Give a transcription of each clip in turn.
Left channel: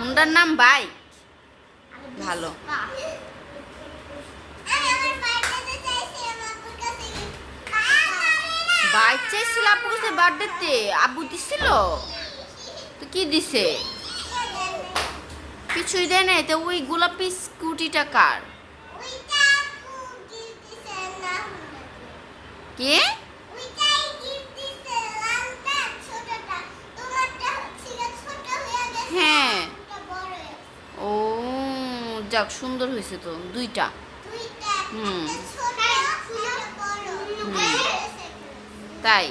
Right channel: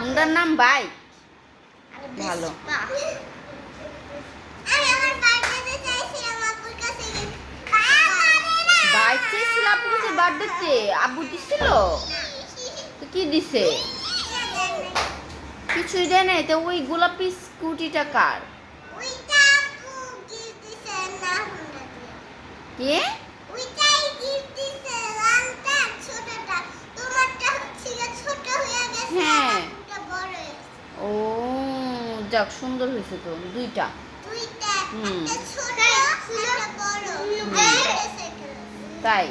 হুন্ডার নাম বাইক। ভালো। বাইক চাইছিল আপুর কাছে বার্থডেতে, আব্বু দিছিল তো কি দিছে? কিছুই দেয় নাই। তো ওই গোলাপি স্কুটিটা কার? কে? হ্যাঁ। ও যাক, সুন্দর হয়েছে তো দুইটা। হুম। তাই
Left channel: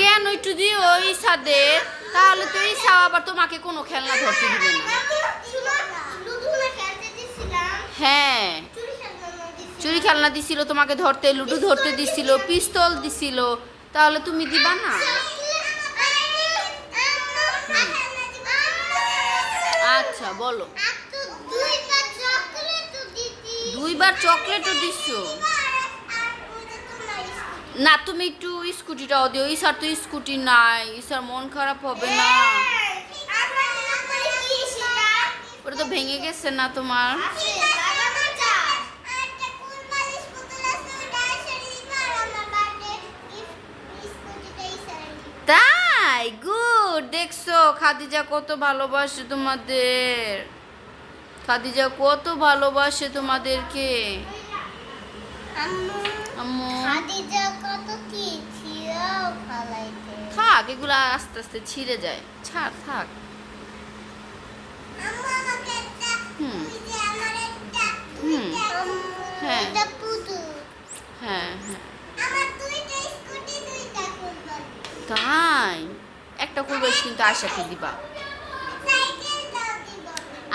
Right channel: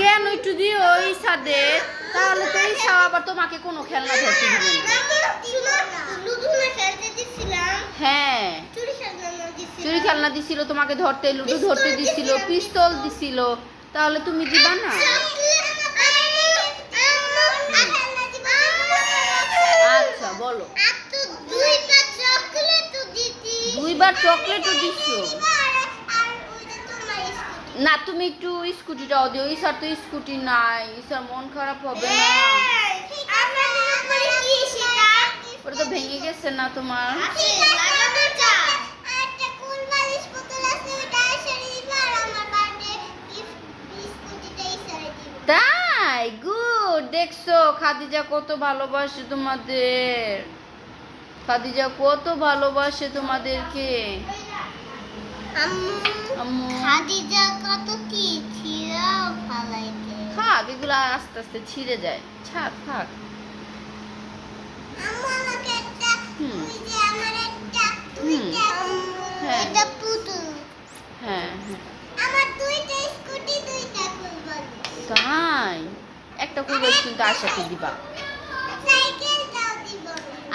কেন একটু দিও ইসাদে, তাহলে তো ইসা আবার তোমাকে কোনো খেলনা ধরতে দিবে না। হ্যাঁ, চুরি খেলনা দিছিল তোমাকে ধরতে, লুডো ধরতে দিছিল, পিস্তল দিছিল, তাহলে তুমি দিবা না? আচ্ছা বলো। দুইবার চকলেটও দিছো? না, তুমি একটু স্কুটিটাও দিও। ইসার তো স্কুটি নাই, ইসার মন খারাপ হবে না? ওটা তো ভেঙে গেছে না তোমার? তাই গুড। দেখছো খাদিজা কত ভালোবাসে তোমাদের, খাদিজা কত ভালোবাসে তোমাদেরকে। থাক, এগুলো আস্তে আস্তে ছিঁড়ে যায়, ছাড়, থাক। হ্যাঁ হ্যাঁ হ্যাঁ। তাই একটা করবে কিন্তু আশাকে দিবা,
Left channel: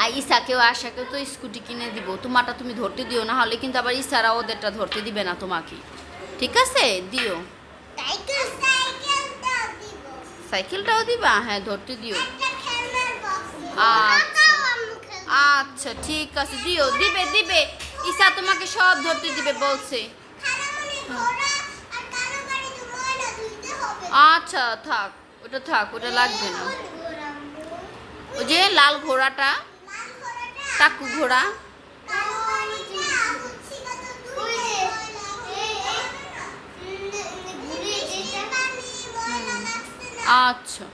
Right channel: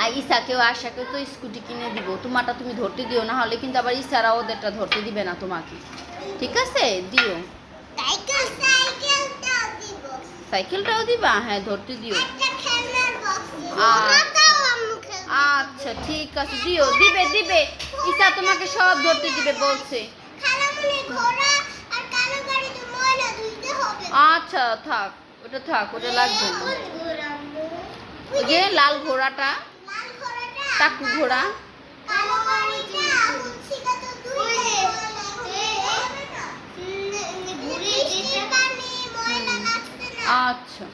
আর ইসাকেও আশাকেও তো স্কুটি কিনে দিব। তোমারটা তুমি ধরতে দিও, না হলে কিন্তু আবার ইসারা ওদেরটা ধরতে দিবে না তোমাকে। ঠিক আছে, দিও। সাইকেলটাও দিবা? হ্যাঁ, ধরতে দিও। আচ্ছা ঠিক আছে, দিও, দিবে দিবে। ইসা তোমাকে সব ধরতে দিবে বলছে। আচ্ছা থাক, ওটা থাক, ওটা লাগবে না। ওই যে লাল ঘোড়াটা, টাকু ঘোড়া। আচ্ছা।